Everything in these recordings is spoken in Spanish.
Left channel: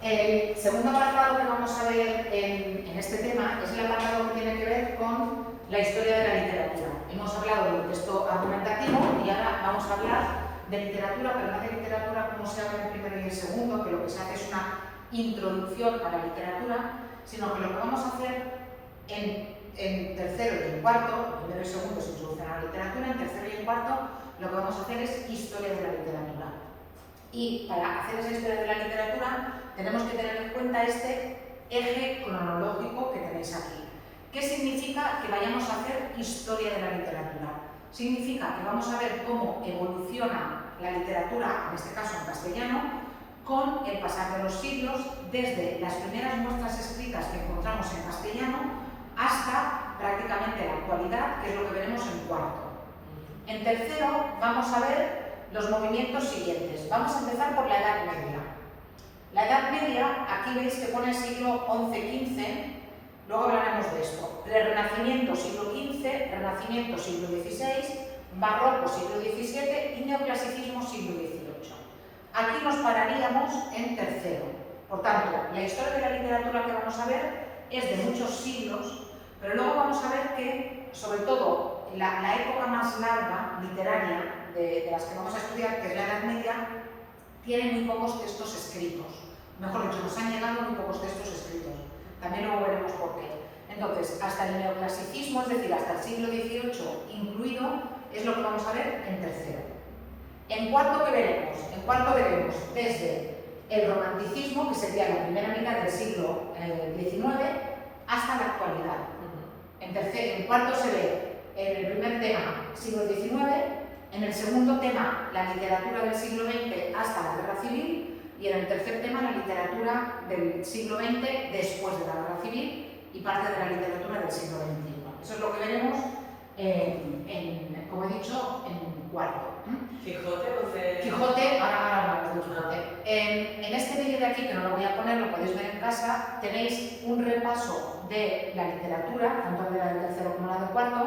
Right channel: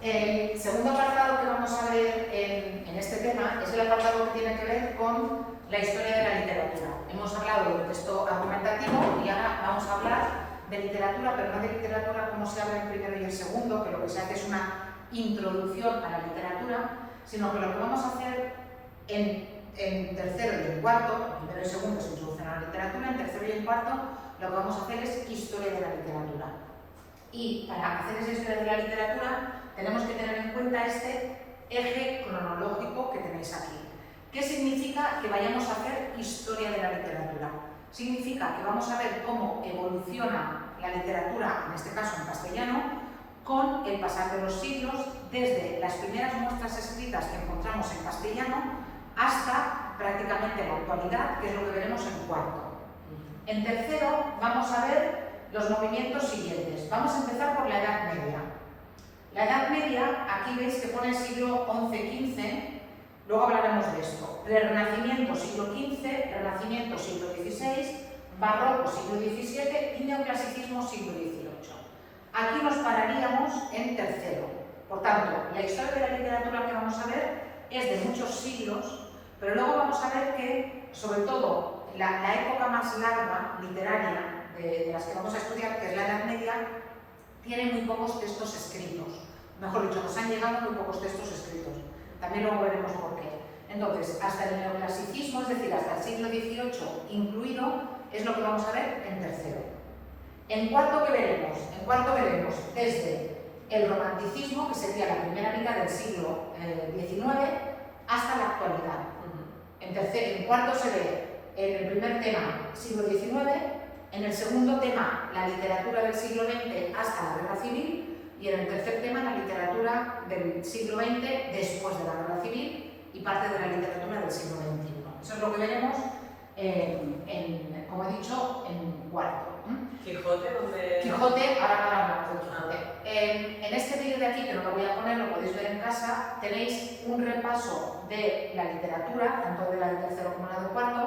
El segundo apartado que vamos a ver en este tema es el apartado que tiene que ver con la historia de la literatura. Hemos hablado del texto argumentativo y ahora vamos a hablar de literatura, pero no de literatura como se habla en primero y en segundo, que lo que se hace es una introducción a la literatura, sino que lo que vamos a hacer en tercero y en cuarto, en primero y segundo es introducción a la literatura, en tercero y en cuarto lo que vamos a hacer es historia de la literatura. Y para hacer esa historia de la literatura tenemos que tener en cuenta este eje cronológico que tenéis aquí. ¿Qué significa que vayamos a hacer historia de la literatura? Significa que vamos a ver cómo evoluciona la literatura, en este caso en castellano, con el pasar de los siglos, desde las primeras muestras escritas que encontramos en castellano hasta prácticamente la actualidad, que es lo que veremos en cuarto. En tercero vamos a ver los movimientos siguientes. Vamos a empezar por la Edad Media. La Edad Media, aquí veis que pone siglo XI-XV, luego hablaremos de esto. Renacimiento siglo XV, Renacimiento siglo XVI, Barroco siglo XVII y Neoclasicismo siglo XVIII. Aquí nos pararíamos en tercero. Por tanto, la historia de la literatura que vamos a ver es de muchos siglos, pero luego vamos a ver que, sobre todo, la época más larga literaria de las que vamos a estudiar, que es la Edad Media, tiene muy pocos textos escritos. Mejor dicho, nos han llegado muy pocos textos escritos. También luego veremos por qué. Entonces, hasta el neoclasicismo, es decir, hasta el siglo XVIII incluido, es lo que vamos a ver en tercero. En cuarto, ¿qué veremos? En cuarto veremos desde el romanticismo, que sería la primera mitad del siglo XIX, hasta la actualidad. En cuarto se ve en el primer tema siglo XIX, en el segundo tema la literatura del siglo XX hasta la Guerra Civil y en el tercer tema la literatura del siglo XX después de la Guerra Civil y parte de la literatura del siglo XXI. Eso es lo que veremos, como he dicho, en cuarto. Quijote, ¿dónde? Quijote, ahora hablamos de Quijote. En este vídeo de aquí, que no lo voy a poner, lo podéis ver en casa, tenéis un repaso de la literatura, tanto de la de tercero como la de cuarto,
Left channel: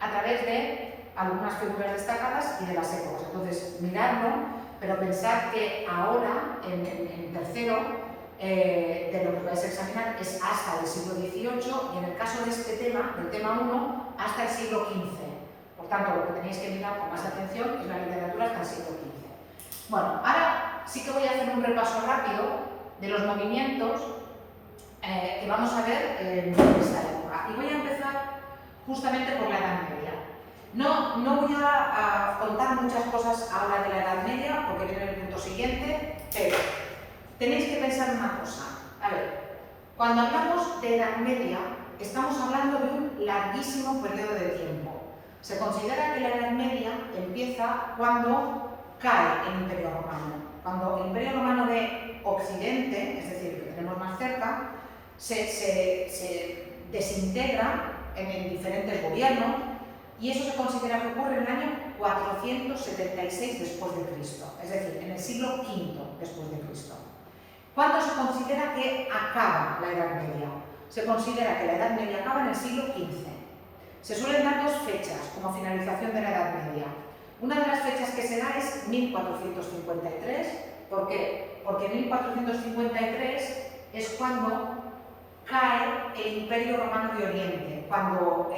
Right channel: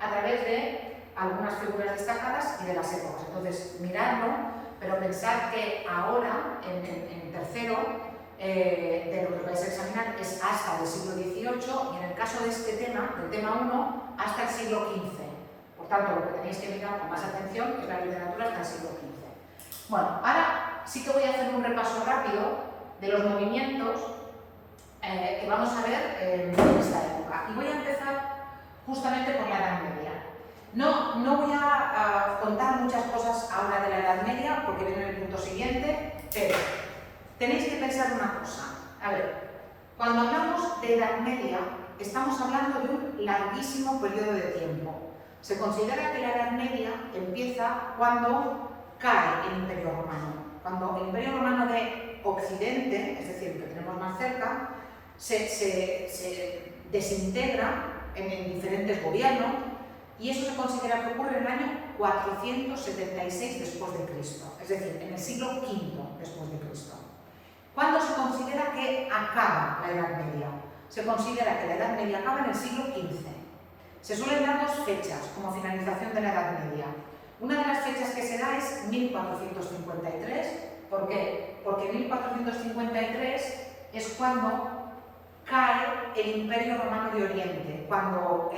a través de algunas figuras destacadas y de las épocas. Entonces, miradlo, pero pensad que ahora, en tercero, de lo que vais a examinar es hasta el siglo XVIII y en el caso de este tema, del tema 1, hasta el siglo XV. Por tanto, lo que tenéis que mirar con más atención es la literatura hasta el siglo XV. Bueno, ahora sí que voy a hacer un repaso rápido de los movimientos que vamos a ver en esta época. Y voy a empezar justamente por la Edad Media. No voy a contar muchas cosas ahora de la Edad Media, porque viene el punto siguiente, pero tenéis que pensar una cosa. A ver, cuando hablamos de Edad Media, estamos hablando de un larguísimo periodo de tiempo. Se considera que la Edad Media empieza cuando cae el Imperio Romano. Cuando el Imperio Romano de Occidente, es decir, que tenemos más cerca, se desintegra en diferentes gobiernos y eso se considera que ocurre en el año 476 después de Cristo, es decir, en el siglo V después de Cristo. ¿Cuándo se considera que acaba la Edad Media? Se considera que la Edad Media acaba en el siglo XV. Se suelen dar dos fechas como finalización de la Edad Media. Una de las fechas que se da es 1453. ¿Por qué? Porque en 1453 es cuando cae el Imperio Romano de Oriente, cuando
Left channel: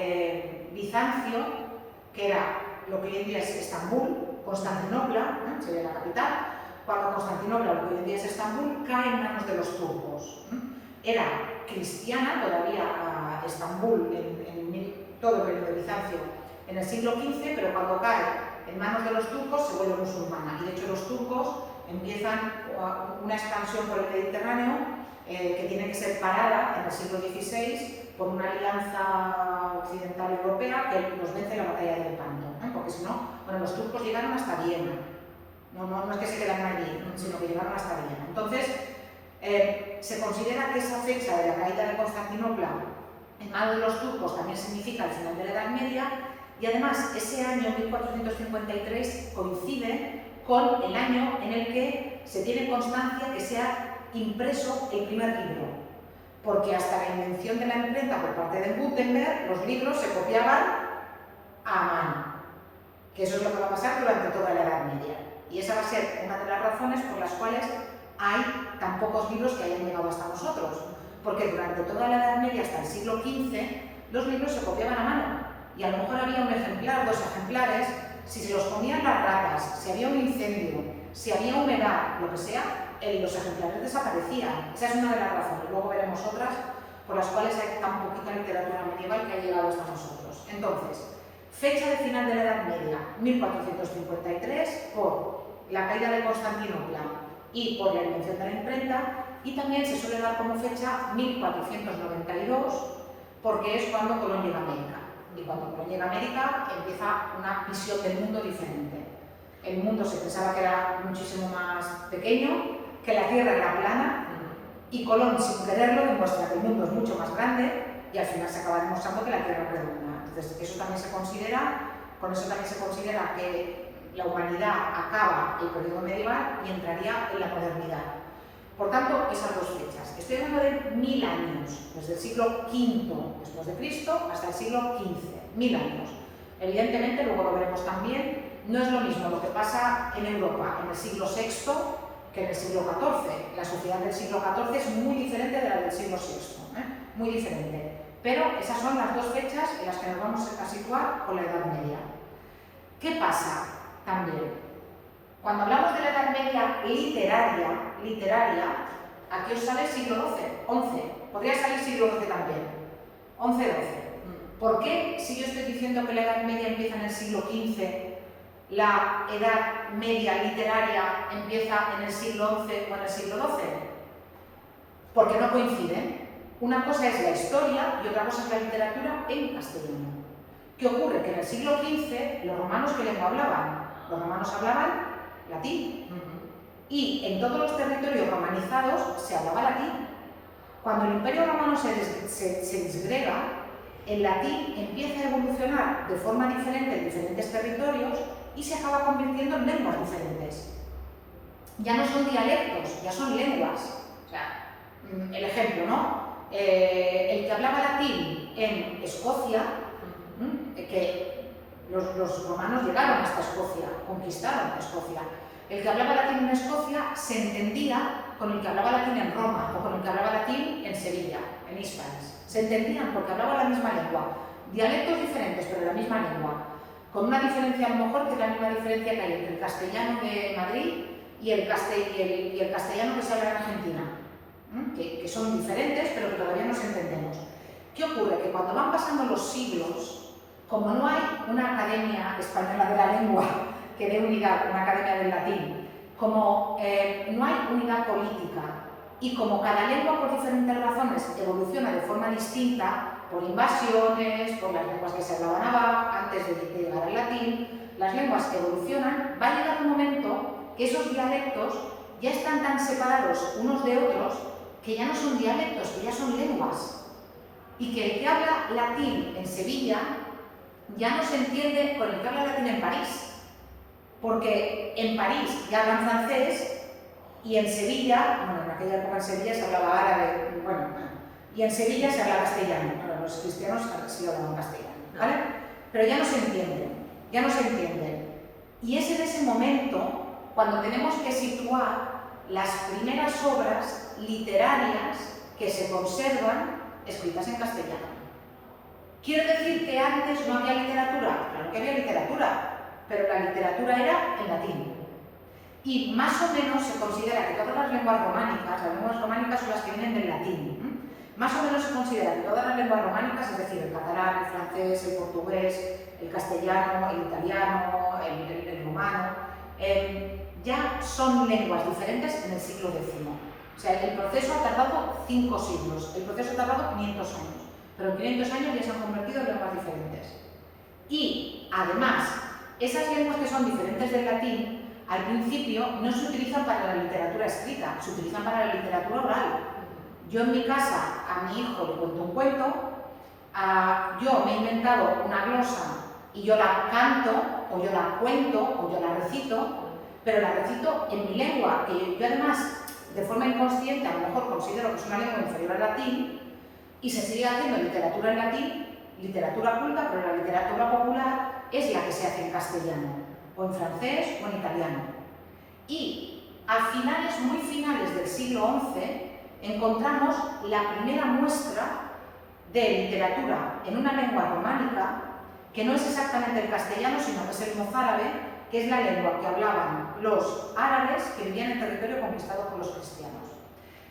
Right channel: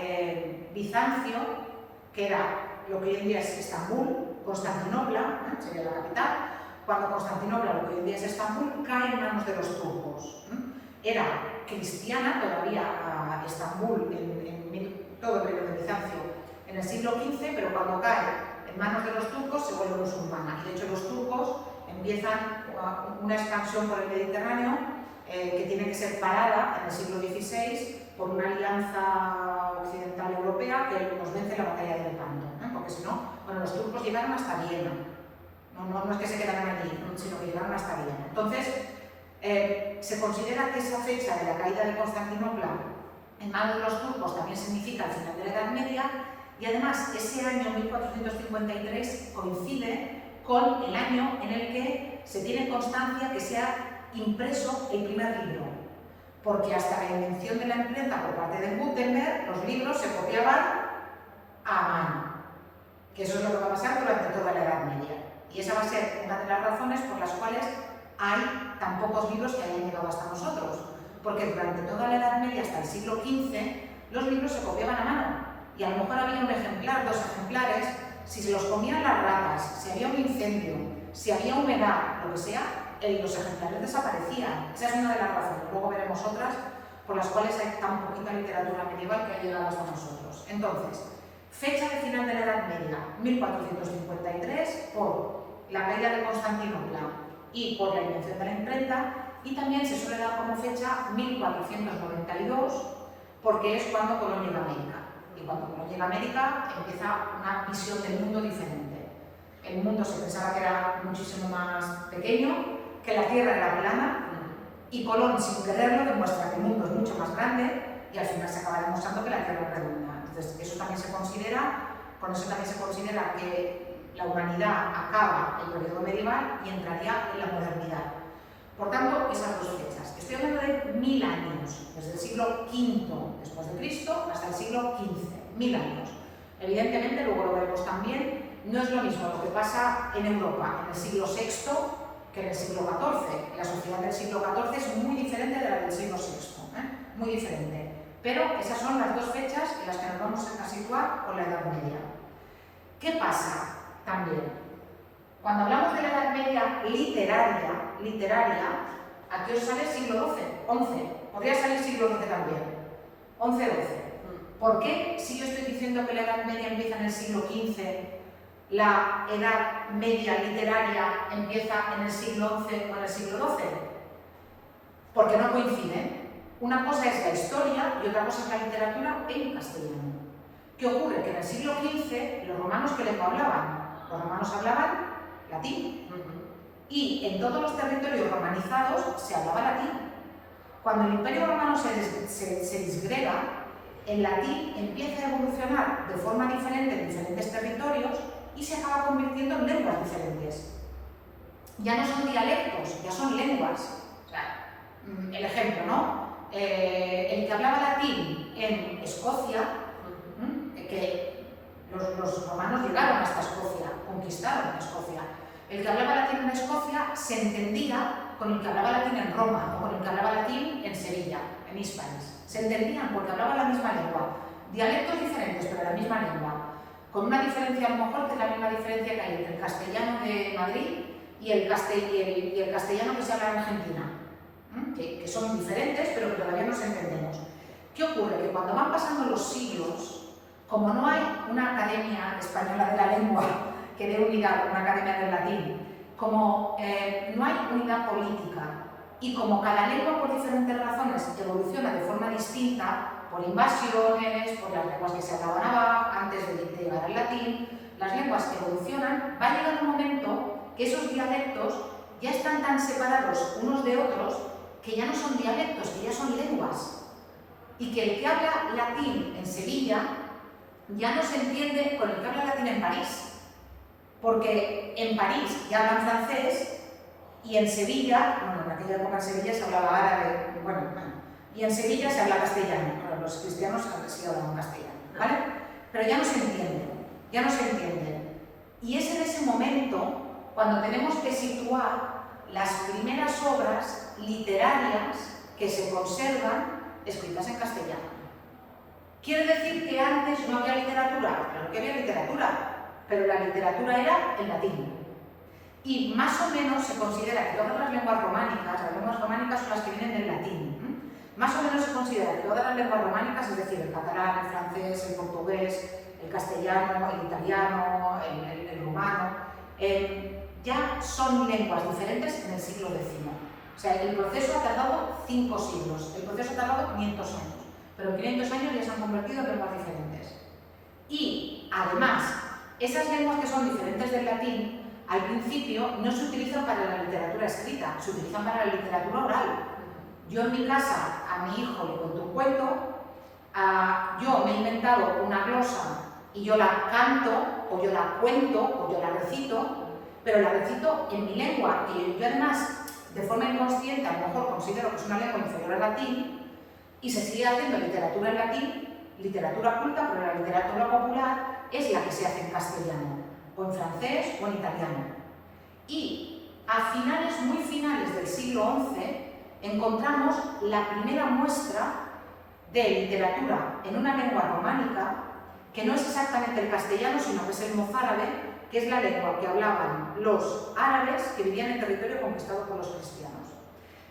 Bizancio, que era lo que hoy en día es Estambul, Constantinopla, sería la capital, cuando Constantinopla, lo que hoy en día es Estambul, cae en manos de los turcos. Era cristiana todavía Estambul en todo el periodo de Bizancio en el siglo XV, pero cuando cae en manos de los turcos se vuelve musulmana. Y de hecho los turcos empiezan una expansión por el Mediterráneo que tiene que ser parada en el siglo XVI por una alianza occidental europea que los vence en la batalla de Lepanto, porque si no, bueno, los turcos llegaron hasta Viena. No es que se quedaron allí, sino que llegaron hasta Viena. Entonces, se considera que esa fecha de la caída de Constantinopla en manos de los turcos también significa el final de la Edad Media y además ese año 1453 coincide con el año en el que se tiene constancia que se ha impreso el primer libro, porque hasta la invención de la imprenta por parte de Gutenberg los libros se copiaban a mano, que eso es lo que va a pasar durante toda la Edad Media y esa va a ser una de las razones por las cuales hay tan pocos libros que hayan llegado hasta nosotros, porque durante toda la Edad Media hasta el siglo XV los libros se copiaban a mano y a lo mejor había un ejemplar, 2 ejemplares. Si se los comían las ratas, si había un incendio, si había humedad, lo que sea, los ejemplares desaparecían. Esa es una de las razones, luego veremos otras por las cuales hay tan poquita literatura medieval que ha llegado hasta nosotros. Entonces, fecha de final de la Edad Media, 1453, por la caída de Constantinopla y por la invención de la imprenta, y también se suele dar como fecha 1492, porque es cuando Colón llega a América. Y cuando Colón llega a América empieza una visión del mundo diferente. El mundo se pensaba que era muchísimo más pequeño, que la Tierra era plana, y Colón, sin quererlo, demuestra que el mundo es mucho más grande y al final se acaba demostrando que la Tierra es redonda. Entonces, eso también se considera, con eso también se considera que la humanidad acaba el periodo medieval y entraría en la modernidad. Por tanto, esas dos fechas. Estoy hablando de 1000 años, desde el siglo V después de Cristo hasta el siglo XV, 1000 años. Evidentemente, luego lo veremos también, no es lo mismo lo que pasa en Europa en el siglo VI que en el siglo XIV. La sociedad del siglo XIV es muy diferente de la del siglo VI, muy diferente. Pero esas son las dos fechas en las que nos vamos a situar con la Edad Media. ¿Qué pasa también? Cuando hablamos de la Edad Media literaria, aquí os sale siglo XI, podría salir siglo XII también, XI-XII. ¿Por qué, si yo estoy diciendo que la Edad Media empieza en el siglo XV, la Edad Media literaria empieza en el siglo XI o en el siglo XII? Porque no coinciden. Una cosa es la historia y otra cosa es la literatura en castellano. ¿Qué ocurre? Que en el siglo XV, los romanos, ¿qué lengua hablaban? Los romanos hablaban latín. Y en todos los territorios romanizados se hablaba latín. Cuando el Imperio Romano se disgrega, el latín empieza a evolucionar de forma diferente en diferentes territorios y se acaba convirtiendo en lenguas diferentes. Ya no son dialectos, ya son lenguas. O sea, el ejemplo, ¿no? El que hablaba latín en Escocia, que los romanos llegaron hasta Escocia, conquistaron Escocia. El que hablaba latín en Escocia se entendía con el que hablaba latín en Roma o con el que hablaba latín en Sevilla, en Hispalis. Se entendían porque hablaban la misma lengua. Dialectos diferentes, pero la misma lengua. Con una diferencia a lo mejor que es la misma diferencia que hay entre el castellano de Madrid y el castellano que se habla en Argentina. Que son diferentes, pero que todavía nos entendemos. ¿Qué ocurre? Que cuando van pasando los siglos, como no hay una academia española de la lengua que dé unidad, una academia del latín, como no hay unidad política y como cada lengua por diferentes razones evoluciona de forma distinta, por invasiones, por las lenguas que se hablaban antes de llegar al latín, las lenguas evolucionan, va a llegar un momento que esos dialectos ya están tan separados unos de otros que ya no son dialectos, que ya son lenguas. Y que el que habla latín en Sevilla ya no se entiende con el que habla latín en París. Porque en París ya hablan francés y en Sevilla, bueno, en aquella época en Sevilla se hablaba árabe, y en Sevilla se habla castellano. Bueno, los cristianos sí hablaban castellano, ¿vale? Pero ya no se entienden, ya no se entienden. Y es en ese momento cuando tenemos que situar las primeras obras literarias que se conservan escritas en castellano. ¿Quiere decir que antes no había literatura? Claro que había literatura, pero la literatura era en latín. Y más o menos se considera que todas las lenguas románicas son las que vienen del latín. Más o menos se considera que todas las lenguas románicas, es decir, el catalán, el francés, el portugués, el castellano, el italiano, el rumano, ya son lenguas diferentes en el siglo X. O sea, el proceso ha tardado 5 siglos, el proceso ha tardado 500 años, pero en 500 años ya se han convertido en lenguas diferentes. Y, además, esas lenguas que son diferentes del latín, al principio no se utilizan para la literatura escrita, se utilizan para la literatura oral. Yo en mi casa a mi hijo le cuento un cuento, yo me he inventado una glosa y yo la canto, o yo la cuento, o yo la recito, pero la recito en mi lengua, que yo además, de forma inconsciente, a lo mejor considero que es una lengua inferior al latín, y se sigue haciendo literatura en latín, literatura culta, pero la literatura popular es la que se hace en castellano, o en francés, o en italiano. Y a muy finales encontramos la primera muestra de literatura en una lengua románica que no es exactamente el castellano, sino que es el mozárabe, que es la lengua que hablaban los árabes que vivían en territorio conquistado por los cristianos.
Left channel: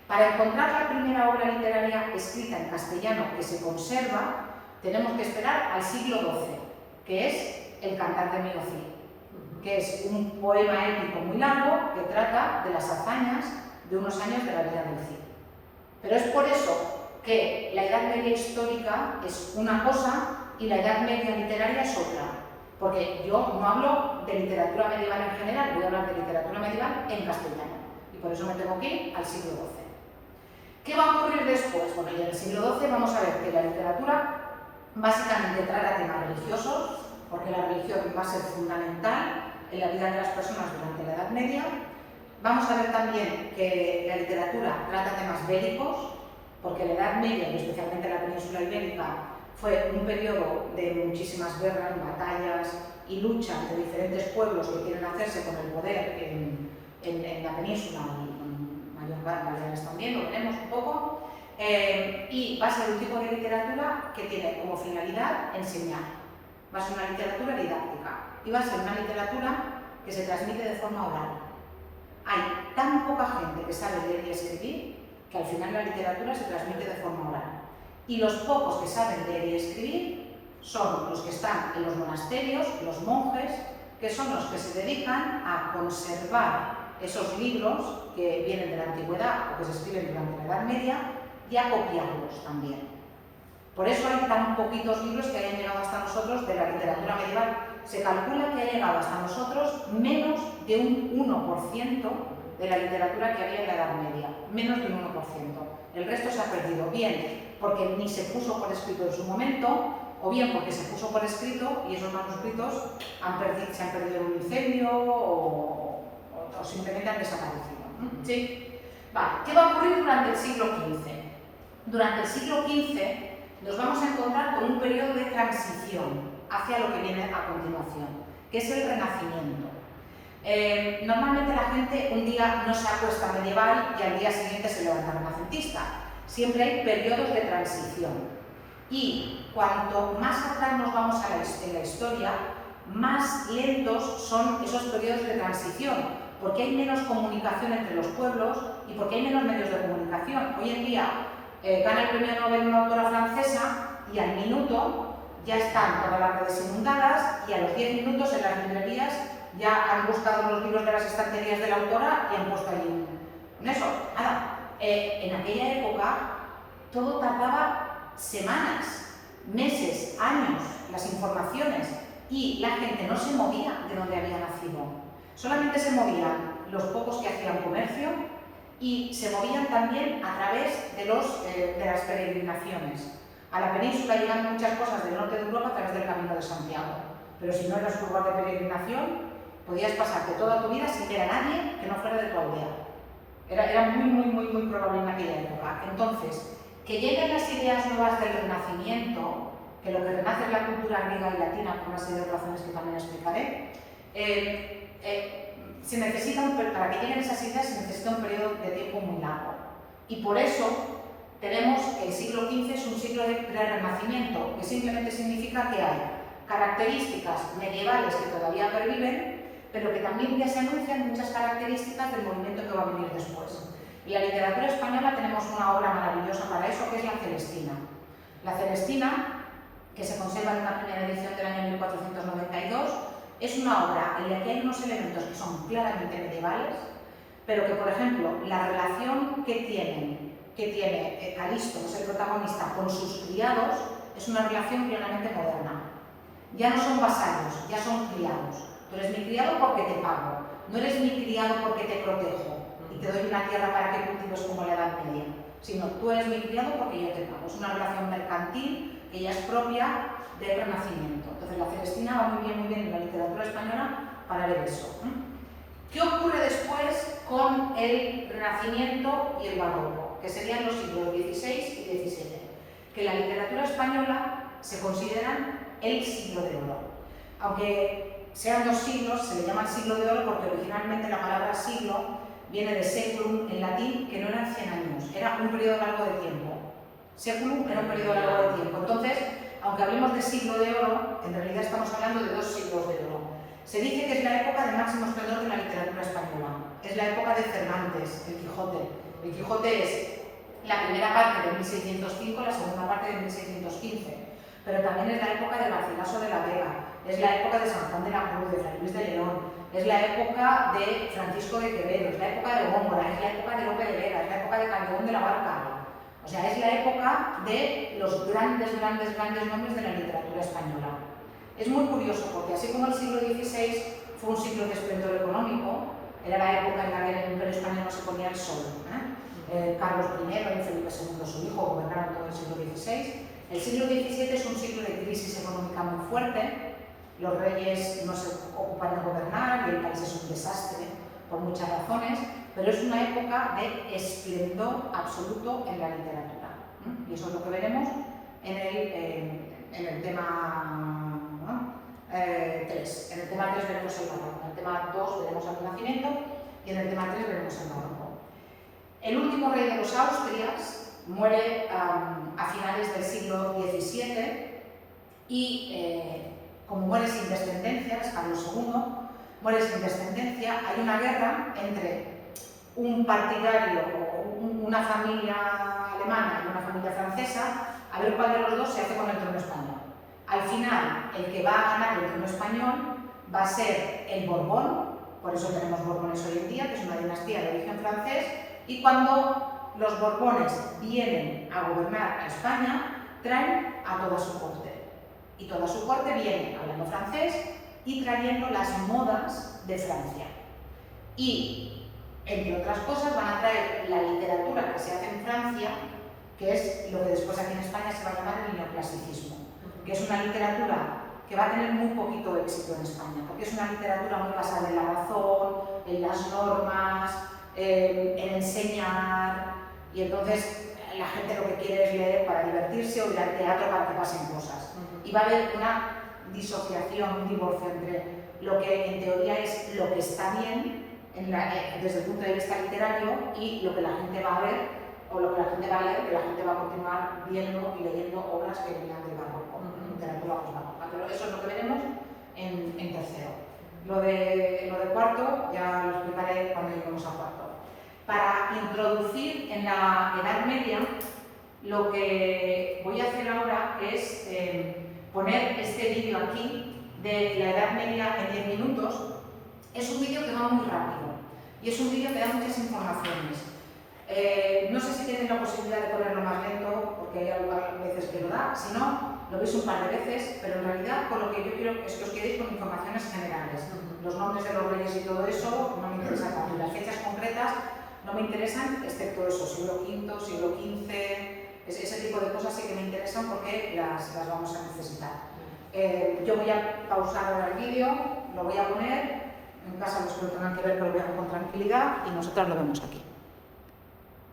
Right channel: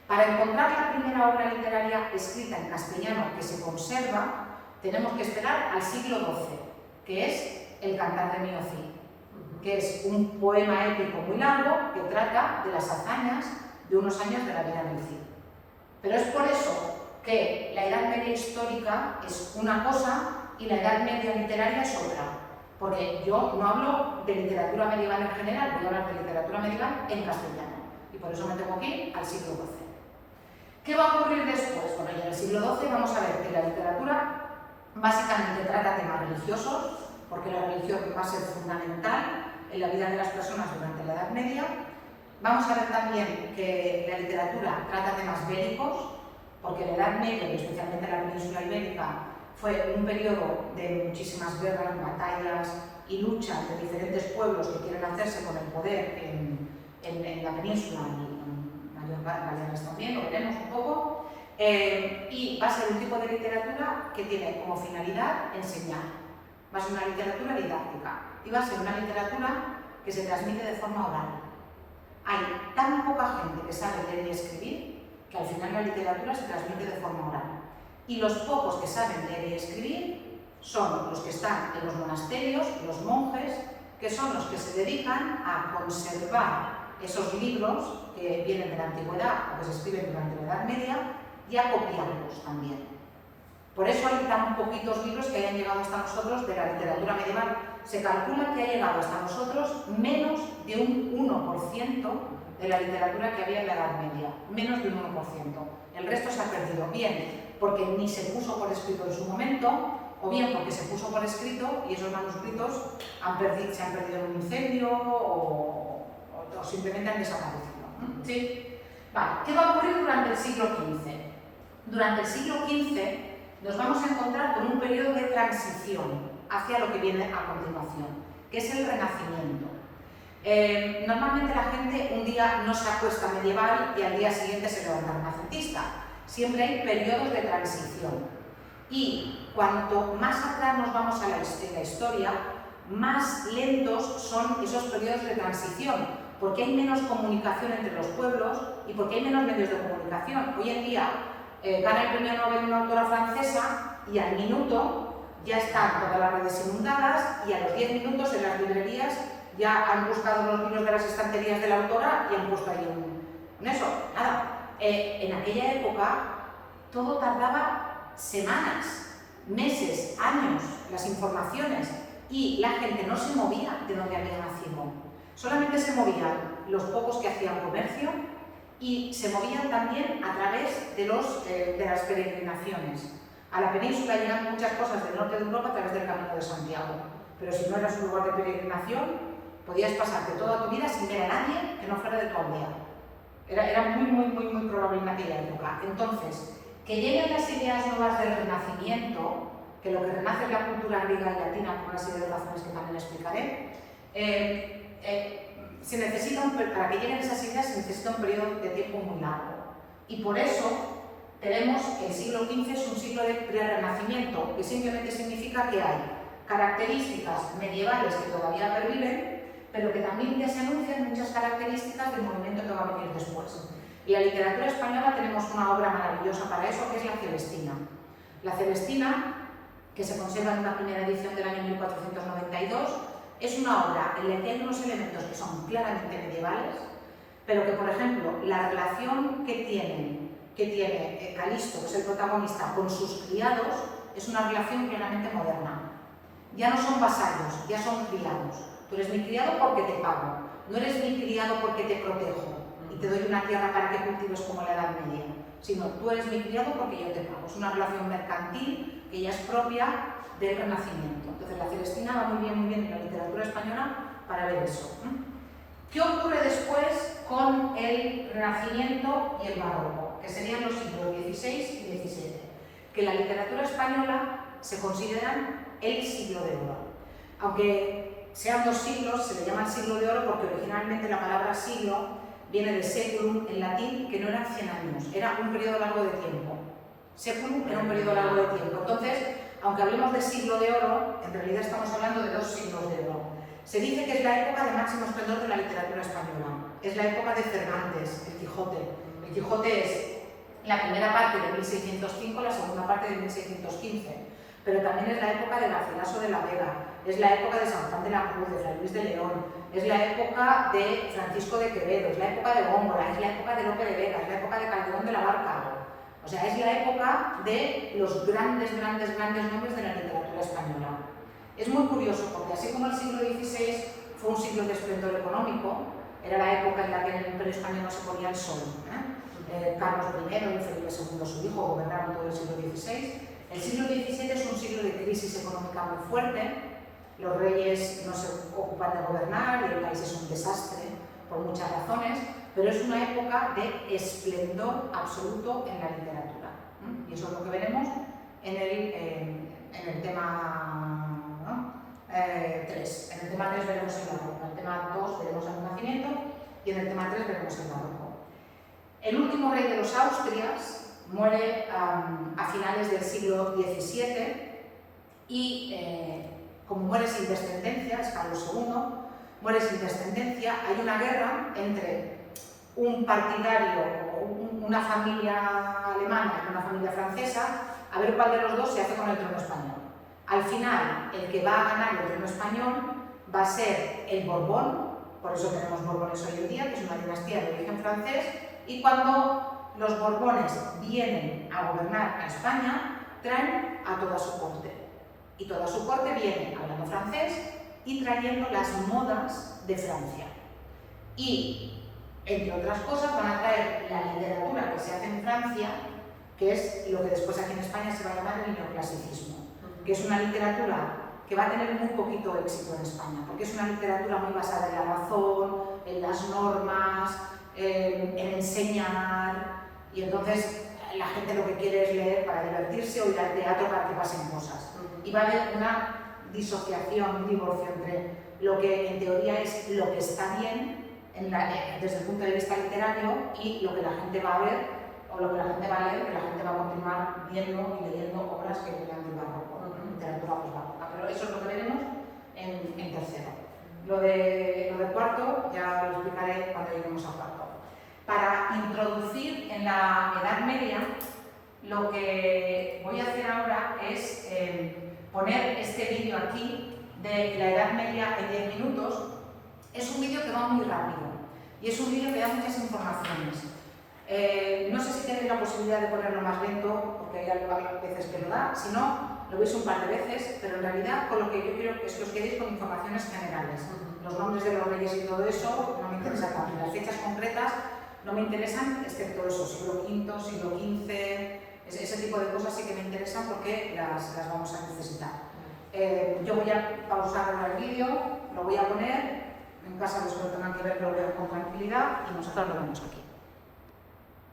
Para encontrar la primera obra literaria escrita en castellano que se conserva, tenemos que esperar al siglo XII, que es el Cantar de Mio Cid, que es un poema épico muy largo que trata de las hazañas de unos años de la vida del Cid. Pero es por eso que la Edad Media histórica es una cosa y la Edad Media literaria es otra. Porque yo no hablo de literatura medieval en general, voy a hablar de literatura medieval en castellano. Y por eso me tengo que ir al siglo XII. ¿Qué va a ocurrir después? Bueno, y en el siglo XII vamos a ver que la literatura básicamente trata temas religiosos, porque la religión va a ser fundamental en la vida de las personas durante la Edad Media. Vamos a ver también que la literatura trata temas bélicos, porque la Edad Media, y especialmente la península ibérica, fue un periodo de muchísimas guerras, batallas y luchas de diferentes pueblos que quieren hacerse con el poder en la península y mayor Baleares también, lo veremos un poco. Y va a ser un tipo de literatura que tiene como finalidad enseñar. Va a ser una literatura didáctica y va a ser una literatura que se transmite de forma oral. Hay tan poca gente que sabe leer y escribir que al final la literatura se transmite de forma oral. Y los pocos que saben leer y escribir son los que están en los monasterios, los monjes, que son los que se dedican a conservar esos libros que vienen de la antigüedad o que se escriben durante la Edad Media y a copiarlos también. Por eso hay tan poquitos libros que hayan llegado hasta nosotros de la literatura medieval. Se calcula que ha llegado hasta nosotros menos de un 1% de la literatura que había en la Edad Media. Menos de un 1%. El resto se ha perdido, bien porque ni se puso por escrito en su momento, o bien porque se puso por escrito y esos manuscritos se han perdido en un incendio o simplemente han desaparecido. ¿Sí? Vale. ¿Qué va a ocurrir durante el siglo XV? Durante el siglo XV nos vamos a encontrar con un periodo de transición hacia lo que viene a continuación, que es el Renacimiento. Normalmente la gente un día no se acuesta medieval y al día siguiente se levanta renacentista. Siempre hay periodos de transición. Y cuanto más atrás nos vamos en la historia, más lentos son esos periodos de transición, porque hay menos comunicación entre los pueblos y porque hay menos medios de comunicación. Hoy en día gana el premio Nobel una autora francesa y al minuto ya están todas las redes inundadas y a los 10 minutos en las librerías ya han buscado los libros de las estanterías de la autora y han puesto ahí un eso. Nada, en aquella época todo tardaba semanas, meses, años, las informaciones, y la gente no se movía de donde había nacido. Solamente se movían los pocos que hacían comercio y se movían también a través de las peregrinaciones. A la península llegan muchas cosas del norte de Europa a través del Camino de Santiago, pero si no eras un lugar de peregrinación, podías pasarte toda tu vida sin ver a nadie que no fuera de tu aldea. Era muy probable en aquella época. Entonces, que lleguen las ideas nuevas del Renacimiento, que lo que renace es la cultura griega y latina, por una serie de razones que también explicaré, se necesita para que lleguen esas ideas se necesita un periodo de tiempo muy largo. Y por eso tenemos que el siglo XV es un siglo de renacimiento, que simplemente significa que hay características medievales que todavía perviven, pero que también ya se anuncian muchas características del movimiento que va a venir después. En la literatura española tenemos una obra maravillosa para eso, que es La Celestina. La Celestina, que se conserva en una primera edición del año 1492, es una obra en la que hay unos elementos que son claramente medievales, pero que, por ejemplo, la relación que tiene Calisto, que es el protagonista, con sus criados, es una relación plenamente moderna. Ya no son vasallos, ya son criados. Tú eres mi criado porque te pago, no eres mi criado porque te protejo y te doy una tierra para que cultives como la Edad Media, sino tú eres mi criado porque yo te pago. Es una relación mercantil que ya es propia del Renacimiento. Entonces la Celestina va muy bien en la literatura española para ver eso. ¿Qué ocurre después con el Renacimiento y el Barroco? Que serían los siglos XVI y XVII. Que en la literatura española se consideran el siglo de oro. Aunque sean dos siglos, se le llama el siglo de oro porque originalmente la palabra siglo viene de seculum en latín, que no eran 100 años, era un periodo largo de tiempo. Séculum era un periodo largo de tiempo. Entonces, aunque hablemos de siglo de oro, en realidad estamos hablando de 2 siglos de oro. Se dice que es la época de máximo esplendor de la literatura española. Es la época de Cervantes, el Quijote. El Quijote es la primera parte de 1605, la segunda parte de 1615. Pero también es la época de Garcilaso de la Vega, es la época de San Juan de la Cruz, de Fray Luis de León, es la época de Francisco de Quevedo, es la época de Góngora, es la época de Lope de Vega, es la época de Calderón de la Barca. O sea, es la época de los grandes nombres de la literatura española. Es muy curioso porque así como el siglo XVI fue un siglo de esplendor económico, era la época en la que en el Imperio Español no se ponía el sol. Carlos I y Felipe II, su hijo, gobernaron todo el siglo XVI. El siglo XVII es un siglo de crisis económica muy fuerte. Los reyes no se ocupan de gobernar y el país es un desastre por muchas razones, pero es una época de esplendor absoluto en la literatura. Y eso es lo que veremos en el tema 3. En el tema 3 veremos el barroco, en el tema 2 veremos el Renacimiento y en el tema 3 veremos el barroco. El último rey de los Austrias muere a finales del siglo XVII y como muere sin descendencia, es Carlos II, muere sin descendencia, hay una guerra entre un partidario, una familia alemana y una familia francesa, a ver cuál de los dos se hace con el trono español. Al final, el que va a ganar el trono español va a ser el Borbón, por eso tenemos Borbones hoy en día, que es una dinastía de origen francés, y cuando los Borbones vienen a gobernar a España, traen a toda su corte. Y toda su corte viene hablando francés y trayendo las modas de Francia. Y, entre otras cosas, van a traer la literatura que se hace en Francia, que es lo que después aquí en España se va a llamar el neoclasicismo, que es una literatura que va a tener muy poquito éxito en España, porque es una literatura muy basada en la razón, en las normas, en enseñar, y entonces la gente lo que quiere es leer para divertirse o ir al teatro para que pasen cosas. Y va a haber una disociación, un divorcio entre lo que en teoría es lo que está bien desde el punto de vista literario y lo que la gente va a ver o lo que la gente va a leer, que la gente va a continuar viendo y leyendo obras que vienen del barroco, literatura posbarroca. Pero eso es lo que veremos en tercero. Lo de cuarto ya lo explicaré cuando lleguemos a cuarto. Para introducir en la Edad Media, lo que voy a hacer ahora es poner este vídeo aquí de la Edad Media en 10 minutos. Es un vídeo que va muy rápido y es un vídeo que da muchas informaciones. No sé si tenéis la posibilidad de ponerlo más lento, porque hay algunas veces que lo da, si no, lo veis un par de veces, pero en realidad con lo que yo quiero es que os quedéis con informaciones generales. Los nombres de los reyes y todo eso no me interesa tanto, y las fechas concretas no me interesan, excepto eso, siglo V, siglo XV, ese tipo de cosas sí que me interesan porque las vamos a necesitar. Yo voy a pausar ahora el vídeo, lo voy a poner, en casa los que lo tengan que ver, pero lo vean con tranquilidad y nosotros lo vemos aquí.